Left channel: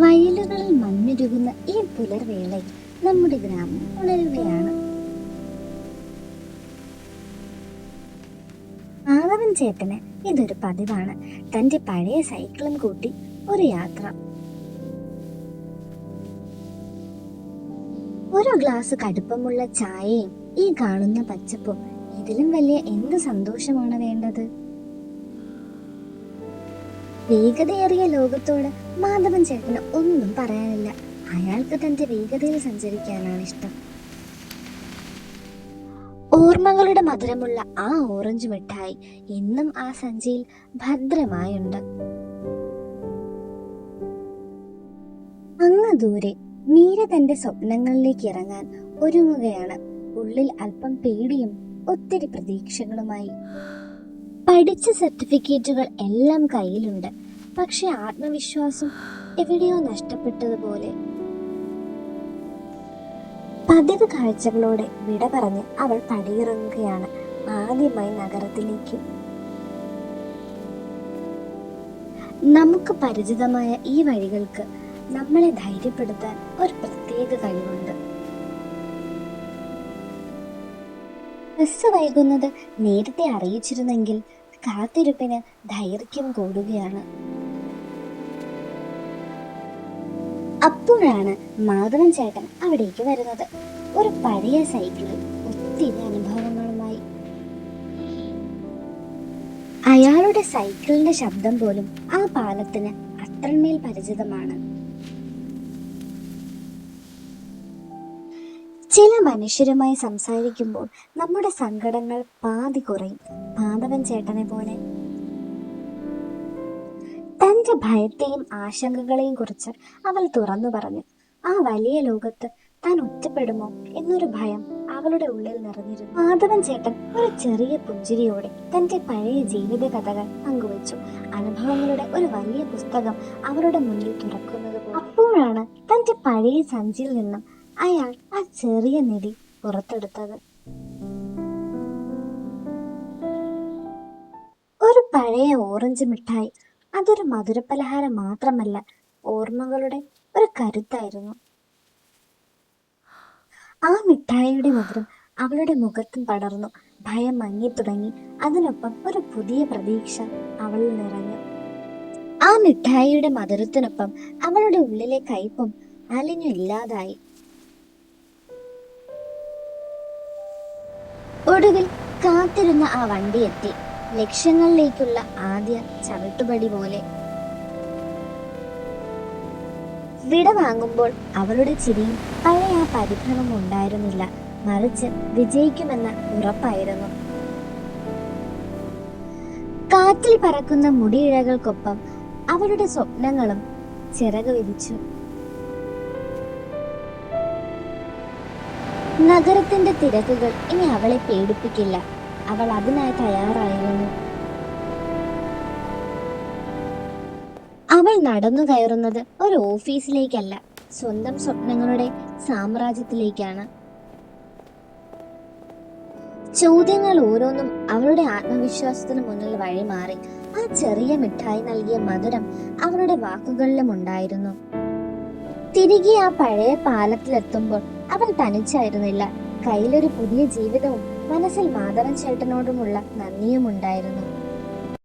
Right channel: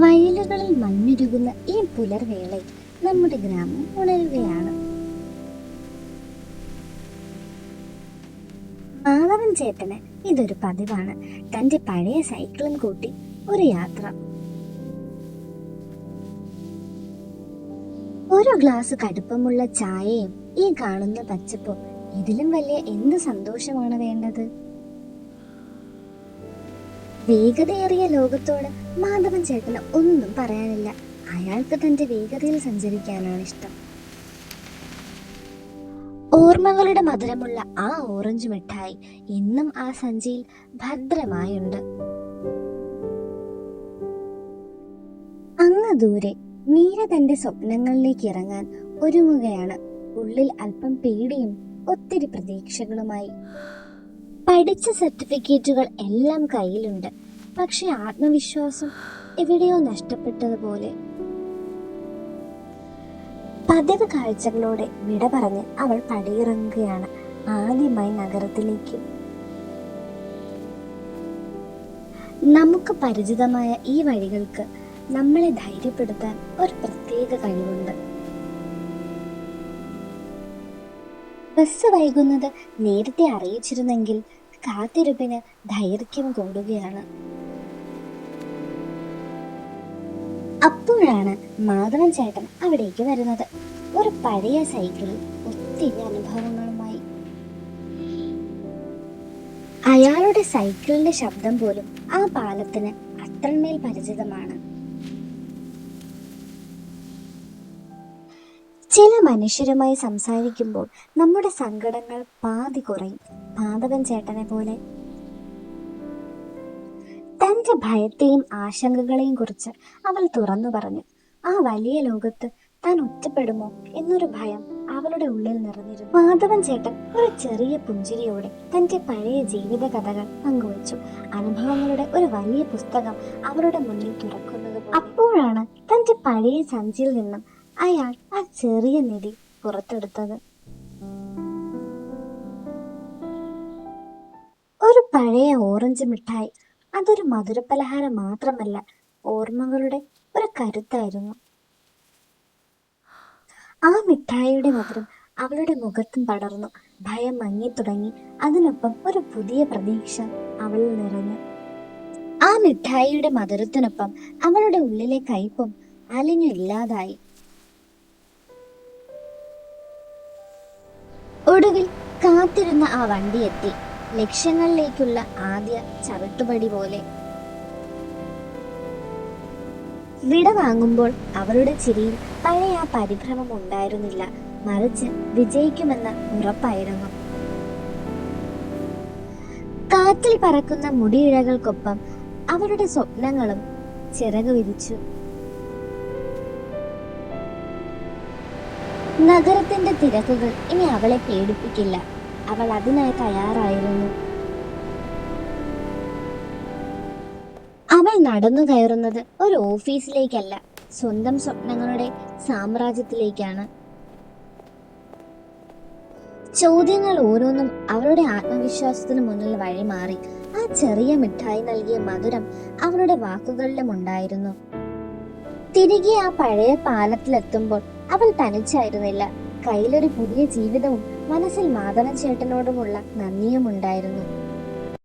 വയലുകളിൽ മഞ്ഞുരുകുന്ന ഈ പുലർവേളയിൽ നമ്മുടെ ഗ്രാമം ഉണരുകയാണ്. മാധവൻ ചേട്ടന് ഇതൊരു പതിവാണ്. തന്റെ പഴയ സൈക്കിളും കൂട്ടി ഒരു യാത്ര. ഓരോ ഗ്ലാസ് കടുപ്പമുള്ള ചായയും ഈ കാണുന്ന പച്ചപ്പും, ഇതിലും വലിയ എന്ത് സന്തോഷമാണ് വേണ്ടത്? വേഗതയേറിയ ലോകത്തോട് മാധവൻ ചേട്ടന് ഒന്നും പറയാനില്ല. അയാൾക്ക് തന്റെ വേഗതയിൽ സഞ്ചരിക്കാനാണ് ഇഷ്ടം. ഓർമ്മകളുടെ മധുരമുള്ള ആ ഓറഞ്ച് മിഠായി ഇന്നും ആ സഞ്ചിയിൽ ഭദ്രമായുണ്ട്. അങ്ങ് ദൂരെ മീര തന്റെ സ്വപ്നങ്ങളിലേക്ക് ഇറങ്ങാൻ ഒരുങ്ങുകയാണ്. ഉള്ളിൽ അല്പം പേടിയും ഒത്തിരി പ്രതീക്ഷകളുമായി. പഠിച്ച സർട്ടിഫിക്കറ്റുകൾ എല്ലാം കയ്യിലുണ്ട്. പക്ഷെ ആത്മവിശ്വാസം എവിടെയോ നഷ്ടപ്പെട്ടതുപോലെ. പതിവ് കാഴ്ചകളോടെ വിട പറഞ്ഞ് അവൾ പടിയിറങ്ങുകയാണ് ആദ്യമായി നഗരത്തിലേക്ക്. നമുക്ക് പരിചിതമായ ഈ വഴികൾക്ക് നമ്മളെ ധൈര്യപ്പെടുത്താൻ ഒരു പ്രത്യേക കഴിവുണ്ട്. ബസ് വൈകുന്നത് നേരത്തെ അറിയിച്ചിരുന്നെങ്കിൽ കാത്തിരിപ്പിന് ദൈർഘ്യം കൂടുകയാണ്. അപ്പോഴാണ് മാധവൻ ചേട്ടൻ അവിടേക്ക് വരുന്നത്. ഒരു പഴയ സൈക്കിളിൽ ഒത്തിരി അനുഭവങ്ങളുമായി. അയാളുടെ സൈക്കിളിന്റെ ശബ്ദം പോലും ആ പാലത്തിന് അത്രമേൽ പരിചിതമാണ്. ചില മനുഷ്യരുമായി സംസാരിക്കുമ്പോൾ നമ്മുടെ സങ്കടങ്ങൾ പാതി കുറയും. മാധവൻ ചേട്ടനെ പോലെ തന്റെ ഭയത്തെയും ആശങ്കകളെയും കുറിച്ച് അവൾ തുറന്നു പറഞ്ഞു. ആ വലിയ ലോകത്ത് താൻ ഒറ്റപ്പെടുമോ എന്നൊരു ഭയം അവളുടെ ഉള്ളിൽ നിറഞ്ഞിരുന്നു. മാധവൻ ചേട്ടൻ ഒരു ചെറിയ പുഞ്ചിരിയോടെ തന്റെ പഴയ ജീവിത കഥകൾ പങ്കുവച്ചു. അനുഭവങ്ങളുടെ ഒരു വലിയ പുസ്തകം അവരുടെ മുന്നിൽ തുറക്കുന്നത്. അപ്പോഴാണ് തന്റെ പഴയ സഞ്ചിയിൽ നിന്നും അയാൾ ആ ചെറിയ നിധി പുറത്തെടുത്തത്. ഒരു പഴയ ഓറഞ്ച് മിഠായി. അതൊരു മധുരപലഹാരം മാത്രമല്ല, ഓർമ്മകളുടെ ഒരു കരുത്തായിരുന്നു. ആ മിഠായിയുടെ മധുരം അവളുടെ മുഖത്തും പടർന്നു. ഭയം മങ്ങി തുടങ്ങി. അതിനൊപ്പം ഒരു പുതിയ പ്രതീക്ഷ അവളിൽ നിറഞ്ഞു. ആ മിഠായിയുടെ മധുരത്തിനൊപ്പം അവളുടെ ഉള്ളിലെ കയ്പും അലിഞ്ഞു ഇല്ലാതായി. ഒടുവിൽ കാത്തിരുന്ന ആ വണ്ടി എത്തി. ലക്ഷ്യങ്ങളിലേക്കുള്ള ആദ്യ ചവിട്ടുപടി പോലെ. വിട വാങ്ങുമ്പോൾ അവളുടെ ചിരിയിൽ പഴയ ആ പരിഭ്രമം ഉണ്ടായിരുന്നില്ല. മറിച്ച് വിജയിക്കുമെന്ന ഉറപ്പായിരുന്നു. കാറ്റിൽ പറക്കുന്ന മുടിയിഴകൾക്കൊപ്പം അവളുടെ സ്വപ്നങ്ങളും ചിറക് വിരിച്ചു. നഗരത്തിന്റെ തിരക്കുകൾ ഇനി അവളെ പേടിപ്പിക്കില്ല. അവൾ അതിനായി തയ്യാറായിരുന്നു. അവൾ നടന്നു കയറുന്നത് ഒരു ഓഫീസിലേക്കല്ല, സ്വന്തം സ്വപ്നങ്ങളുടെ സാമ്രാജ്യത്തിലേക്കാണ്. ചോദ്യങ്ങൾ ഓരോന്നും അവളുടെ ആത്മവിശ്വാസത്തിന് മുന്നിൽ വഴിമാറി. ആ ചെറിയ മിഠായി നൽകിയ മധുരം അവളുടെ വാക്കുകളിലും ഉണ്ടായിരുന്നു. തിരികെ ആ പഴയ പാലത്തിലെത്തുമ്പോൾ അവൾ തനിച്ചായിരുന്നില്ല. കയ്യിലൊരു പുതിയ ജീവിതവും മനസ്സിൽ മാധവൻ ചേട്ടനോടുമുള്ള നന്ദിയും ഉണ്ടായിരുന്നു.